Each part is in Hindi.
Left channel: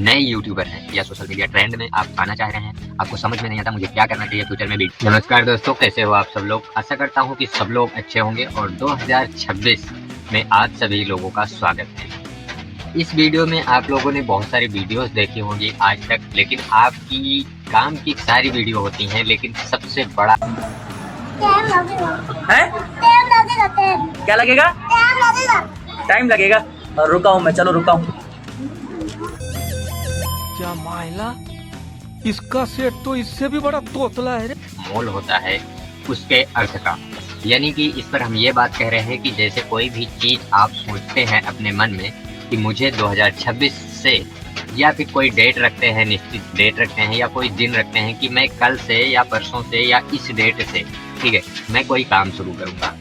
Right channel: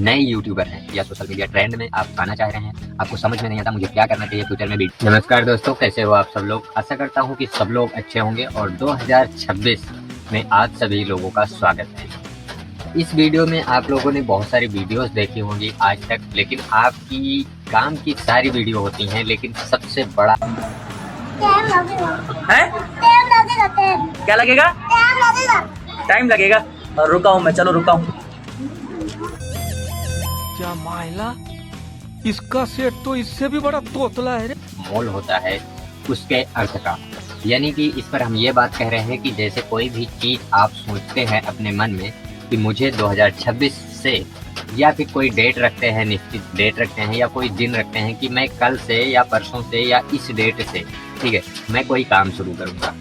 नए यूट्यूबर हैं या सोशल मीडिया ट्रेंड में आप आना चाह रहे हैं, आपको समझ में नहीं आता मुझे क्या करना चाहिए फ्यूचर में भी। नमस्कार दोस्तों, कैसे हो आप सब लोग। आशा करता हूं कि सब लोग अच्छे होंगे और 2026 में आज सभी लोगों का स्वागत है। इस वीडियो में आप लोगों ने बहुत सारी वीडियोस देखी होंगी आज तक, लेकिन आपकी काम की सारी वीडियो होती हैं, लेकिन सबसे बड़ा है? क्या लगेगा? टाइम लगेगा। रुका हूँ मैं, चलो रुका हूँ। क्या मायला, इसका सेट तो इससे भी बड़ा तोतला है रे। मोल होता है उसके अर्थ का, यानी कि इस पर हम ये बात कह रहे हैं कि जैसे कोई भी चीज आप सोचते हैं अपने मन में कि मुझे 2026 से, या फिर कोई डेट रखते हैं, निश्चित डेट रखते हैं या कोई दिन रखते हैं कि मैं कल से या परसों से या इस डेट से, ठीक है, मैं कोई काम शुरू करूंगा।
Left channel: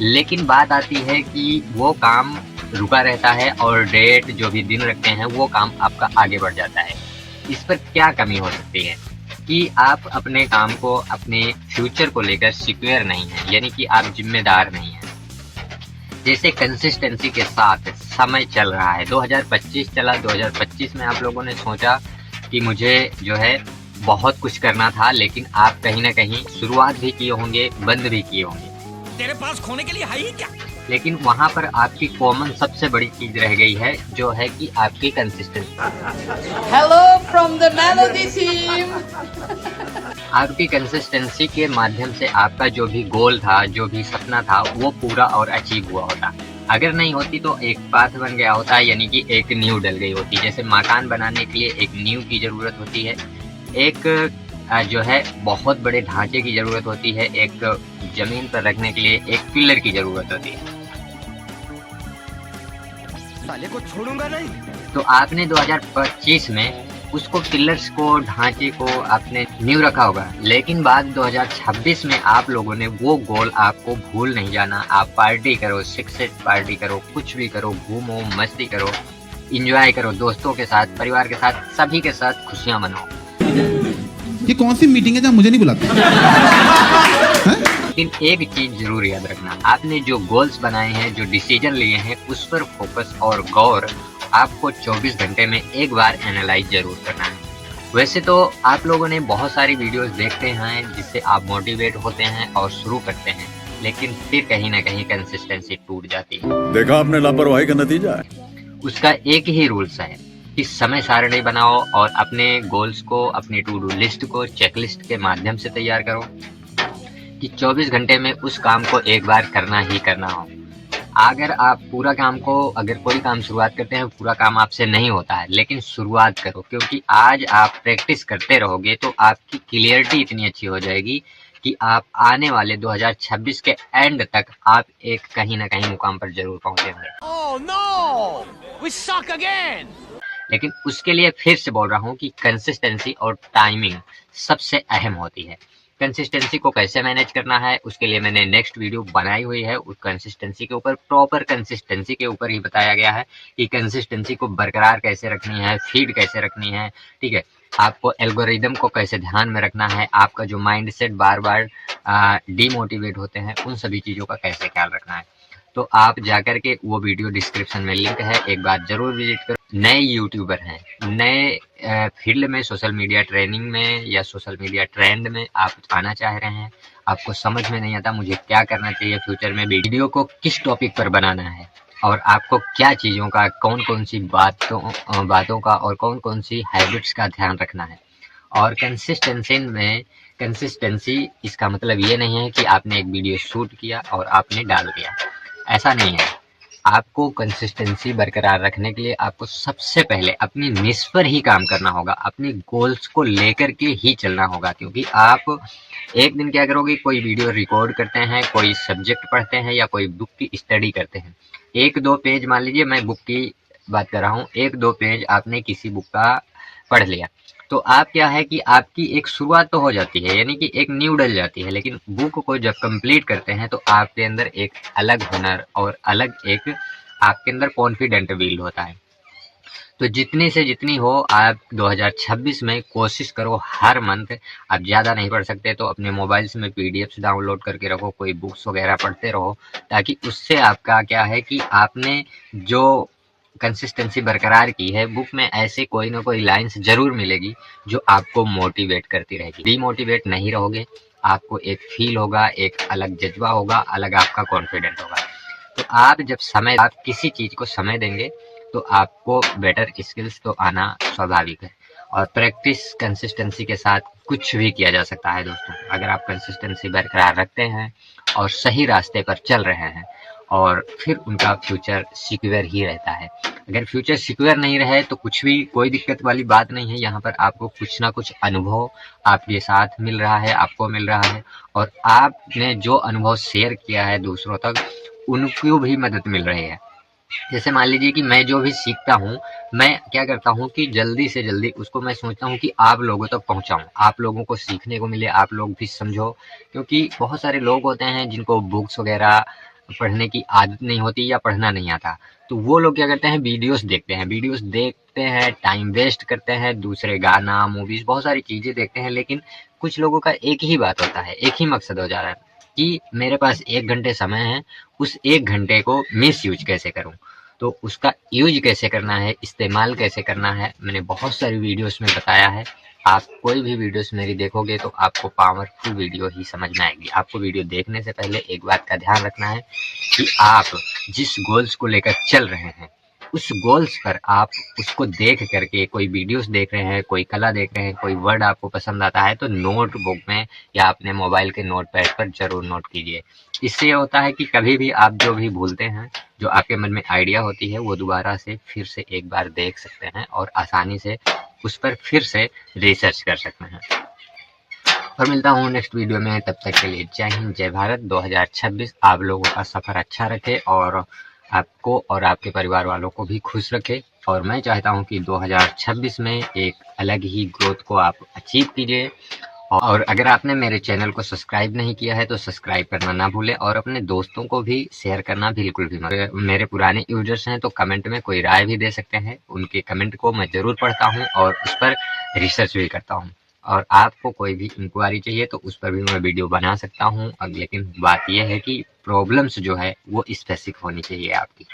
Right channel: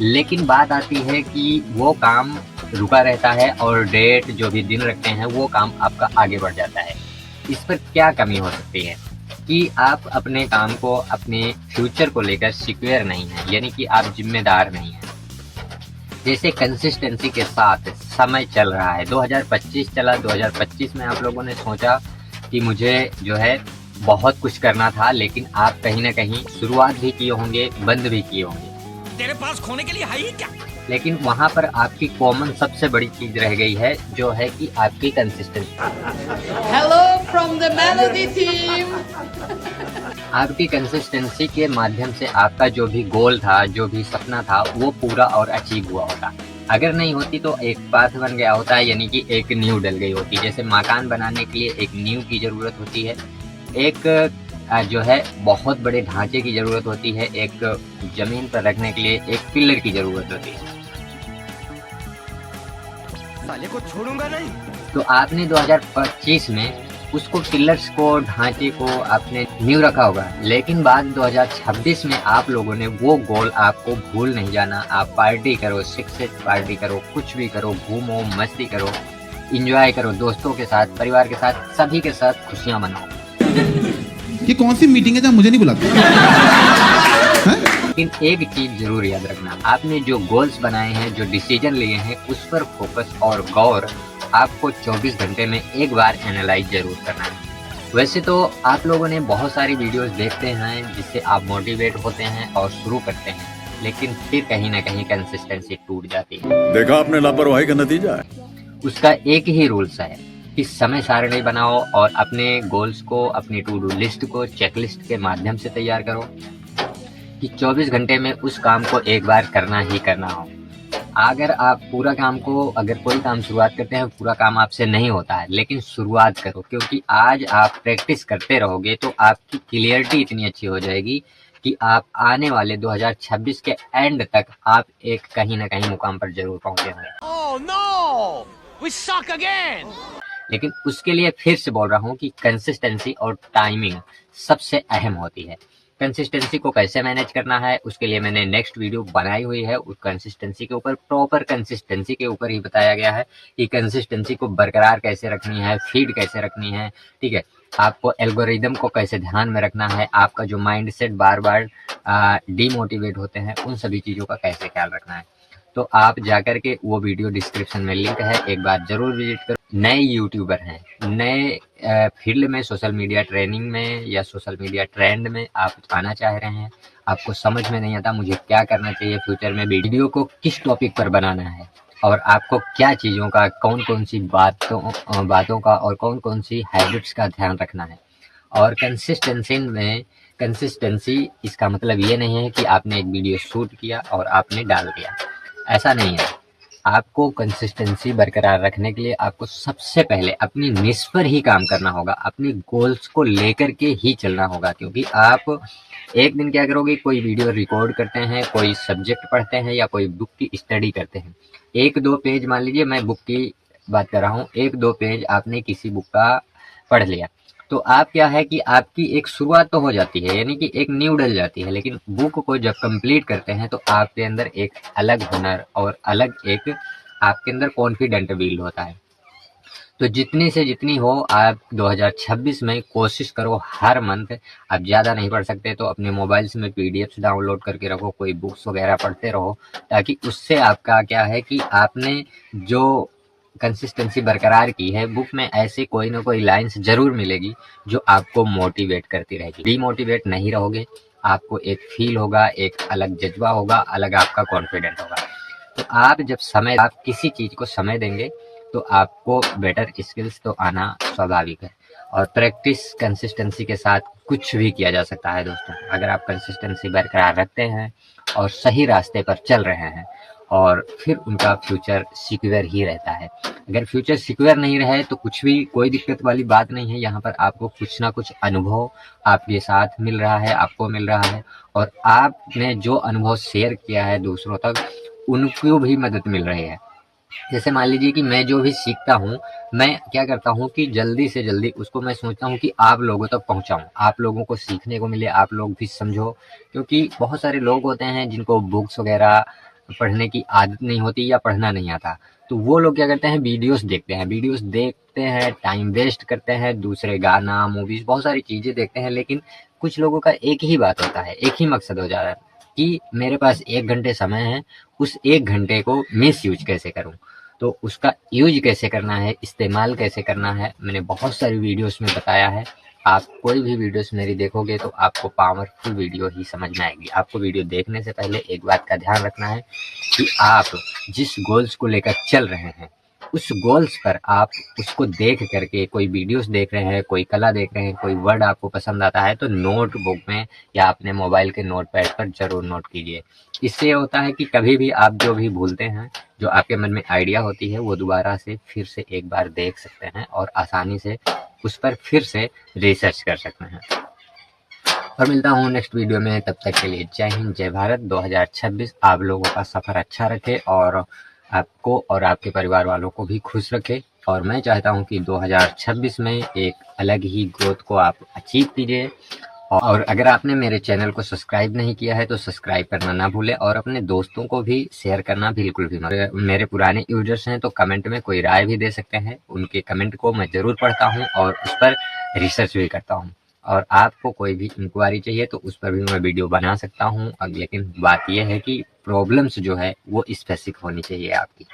लेकिन बात आती है कि वो काम रुका रहता है और डेट जो भी दिन रखते हैं वो काम आपका आगे बढ़ जाता है। इस पर क्या कमी हो सकती है कि आप अपने काम को, अपने फ्यूचर को लेकर सिक्योर नहीं है, यानी कि आप जिम्मेदार नहीं हैं। जैसे कंसिस्टेंसी के साथ समय चल रहा है, 2025 चला, 2025 में आप लोगों ने सोचा कि मुझे जो है बहुत कुछ करना था, लेकिन आप कहीं ना कहीं शुरुआत भी किए होंगे, बंद भी किए होंगे। तेरे पास खोने के लिए है ही क्या? लेकिन वहां पर आपकी कॉमन सबसे बड़ी चीज रह गई है, जो है कि आपकी consistency. Hello from the melody team. आपकी कंसिस्टेंसी के माध्यम से आपका जो भी गोल था, जो भी सपना था, वो पूरा और अचीव हुआ होता। अगर नहीं होती तो एक पाथ बन गया होता, यानी कि एक नींव डल गई होती। जैसे मकान बनाने के लिए एक नींव की जरूरत होती है, एक जो है बहुत बड़े ढांचे की जरूरत होती है, एक जमीन पर रखने के लिए एक पिलर की जरूरत होती है। साले को छोड़ूंगा नहीं। तो आपने 2025 में उसको, पिलर्स को, ढांचे को आपने नींव रखा होगा, लेकिन बाद 2026 में आप लोगों ने वो गोल आपको भूल नहीं जाना। आप पार्टी करो, सिक्स पार्टी करो, कुछ भी करो, घूमो, मस्ती करो, इंजॉय करो, दोस्तों के साथ, परिवार के साथ, सभी के साथ खुशियां मनाओ। ये कौन सी मीटिंग है जहाँ मुझे नहीं बुलाते? लेकिन एक चीज जरूर याद रखना, आपने जो गोल्स बनाए हैं, जो डिसीजन लिए हैं, उस पर फोकस और गौर आपको 24 घंटे में एक बार एनालाइज जरूर करना है। वैसे तो आप लोगों ने बहुत सारी वीडियोस देखते हैं जिससे आप मोटिवेट होते हैं और शुरू करते हैं, लेकिन फिर कहीं ना कहीं कंसिस्टेंसी टूट जाती है। देखा आपने लापरवाही का नतीजा है। उसका एक ही रूल्स है कि समय सारणी बनाओ और अपने गोल्स को, अपनी टू डू लिस्ट को चेकलिस्ट के माध्यम से तैयार करो कि 24 घंटे में उस काम को एक बार करना ही करना हो। अगर आप पूरा काम को, अगर कोई काम शुरुआत करते हैं, पूरा काम आपसे नहीं होता है, लेकिन शुरुआत करो, क्योंकि आज आप प्रैक्टिस करते रहोगे तो आपकी क्लियरिटी इतनी अच्छी हो जाएगी कि आप आने वाले 2026 के एंड तक आप एक कहीं ना कहीं मुकाम पर जरूर पहुंचेंगे। Oh no! We suck again! लेकिन उसके लिए फिर से बोल रहा हूँ कि कंसिस्टेंसी और टाइमिंग सबसे अहम होती है। कंसिस्टेंसी को कैसे मैनेज करना है, उसके लिए मैंने नेक्स्ट वीडियो बनाई हुई है। उस कंसिस्टेंसी के ऊपर, प्रॉपर कंसिस्टेंसी के ऊपर ही बताया गया है कि कंसिस्टेंसी को बरकरार कैसे रखनी है, फीड कैसे रखनी है, ठीक है, आपको एल्गोरिदम को कैसे ध्यान में रखना है, आपका जो माइंड सेट बार बार डीमोटिवेट होते हैं, उन सभी चीज़ों का कैसे ख्याल रखना है। तो आप जाकर के वो वीडियो डिस्क्रिप्शन में लिंक है, एक बार जरूर विजिट करो। नए यूट्यूबर हैं, नए फील्ड में, सोशल मीडिया ट्रेनिंग में या सोशल मीडिया ट्रेंड में आप आना चाह रहे हैं, आपको समझ में नहीं आता मुझे क्या करना चाहिए फ्यूचर में, वीडियो को किस टॉपिक पर बनाना है और आपको क्या चीज़ों का, कौन कौन सी बातों का और कौन कौन सी हैबिट्स का ध्यान रखना है। और कंसिस्टेंसी इसका मतलब ये नहीं है कि आपने एक वीडियो शूट किया और आपने डाल दिया, ऐसा नहीं है। आपको कंसिस्टेंसी बरकरार रखने के लिए आपको सबसे पहले अपनी निश पर ही काम करना होगा, अपनी गोल्स को लेकर के ही चलना होगा। क्योंकि आप एक दिन क्या करोगे, कोई वीडियो रिकॉर्ड करते हैं, कोई सब्जेक्ट पढ़ते हैं या कोई बुक की स्टडी करते हैं, एक दो पेज, मान लीजिए मैं बुक की बात कर रहा हूँ, एक दो पेज आपने किसी बुक का पढ़ लिया, तो आप क्या है कि आपकी एक शुरुआत तो हो जाती है, यानी कि एक नींव डल जाती है। लेकिन बुक को जब कंप्लीट करते हैं तो आपके अंदर एक अलग हुनर और अलग एक आपके अंदर कॉन्फिडेंट बिल्ड होता है। तो जितनी से जितनी हो आप 2026 में कोशिश करो हर मंथ, आप ज़्यादा नहीं पढ़ सकते तो अपने मोबाइल्स में पीडीएफ्स डाउनलोड करके रखो, कोई बुक्स वगैरह पढ़ते रहो, ताकि उससे आपका क्या है कि आपने जो कंसिस्टेंसी बरकरार की है, बुक में ऐसे कोई ना कोई लाइन्स ज़रूर मिलेगी जो आपको मोटिवेट करती रहेगी। डीमोटिवेट नहीं रहोगे, आपको एक फील होगा, एक अलग जज्बा होगा, अलग आपका कॉन्फिडेंट होगा। तो आप किसी चीज़ को समय देंगे तो आपको बेटर स्किल्स तो आना स्वाभाविक है। और प्रैक्टिस कंसिस्टेंसी के साथ कुछ भी किया जा सकता है दोस्तों। अगर आप कंसिस्टेंसी बरकरार रखते हैं और सही रास्ते पर चल रहे हैं, और फिर उनका फ्यूचर सिक्योर ही रहता है। अगर फ्यूचर सिक्योर नहीं रहे तो कुछ भी कोई दिक्कत वाली बात नहीं है। यहाँ पर आपको कुछ ना कुछ अनुभव आपके साथ मिल रहा है, आपको मिल रहा है, और आपने जो अनुभव शेयर किया है दूसरों तक, उनको भी मदद मिल रही है। जैसे मान लीजिए कि मैं जो भी सीखता हूँ, मैं क्या करता हूँ कि जल्दी से जल्दी उसको मैं सोचता हूँ कि आप लोगों तक पहुँचाऊँ, आप लोगों को सीखने को मिले, आप लोग भी समझो। क्योंकि बहुत सारे लोग होते हैं जिनको बुक्स वगैरह पढ़ने की आदत नहीं होती या पढ़ना नहीं आता, तो वो लोग क्या करते हैं, वीडियोस देखते हैं, टाइम वेस्ट करते हैं, दूसरे गाना, मूवीज़, बहुत सारी चीज़ें देखते हैं। लेकिन कुछ लोगों का एक ही बात होता है, एक ही मकसद हो जाता है कि मेरे पास 1 घंटे समय है, उस 1 घंटे को मिस यूज कैसे करूं, तो उसका यूज कैसे करना है, इस्तेमाल कैसे करना है, मैंने बहुत सारी वीडियोस में बताया है। आप कोई भी वीडियोस मेरी देखोगे तो आपको पावरफुल वीडियो ही समझ में आएगी। आपको वीडियो देखने से पहले एक बात का ध्यान रखना है कि आप जिस गोल्स को लेकर चल रहे हैं, उस गोल्स पर आप उसको देख करके, कोई वीडियोस देख रहे हैं, कोई कला देख रहे हैं, कोई वर्ड आपको पसंद आता है, तो नोटबुक में या अपने मोबाइल के नोटपैड पर जरूर नोट कीजिए। इससे ये होता है कि कभी भी आप जो भी भूलते हैं, जो आपके मन में आइडिया होती है, वो दोबारा से फिर से एक बार देख सकते हैं और आसानी से उस पर फिर से रिसर्च कर सकते हैं। और मिलता हूँ नेक्स्ट वीडियो में, तब तक के लिए जय हिंद, जय भारत। 2026 आप लोगों का सफ़र अच्छा रखे और आपको और आपके परिवार वालों को भी खुश रखे। और मैं चाहता हूँ कि 2026 में एक अलग ही ग्रोथ को आप अचीव कीजिए। और अगर आपने मेरे चैनल को सब्सक्राइब नहीं किया है तो सब्सक्राइब करना ना भूलें, और अपने दोस्तों को भी शेयर करना बिल्कुल भी मत। मेरे पुराने यूजर्स हैं तो कमेंट में कोई राय भी दे सकते हैं, उनके कमेंट को मैं ज़रूर पढ़ता हूँ और उस पर रिसर्च भी करता हूँ। और आपको कोई भी इंक्वायरी चाहिए तो उस पर भी मैं वीडियो बना सकता हूँ। अब लेकिन बात यह है कि प्रॉब्लम्स जो है वो स्पेसिफिक होनी चाहिए आपकी।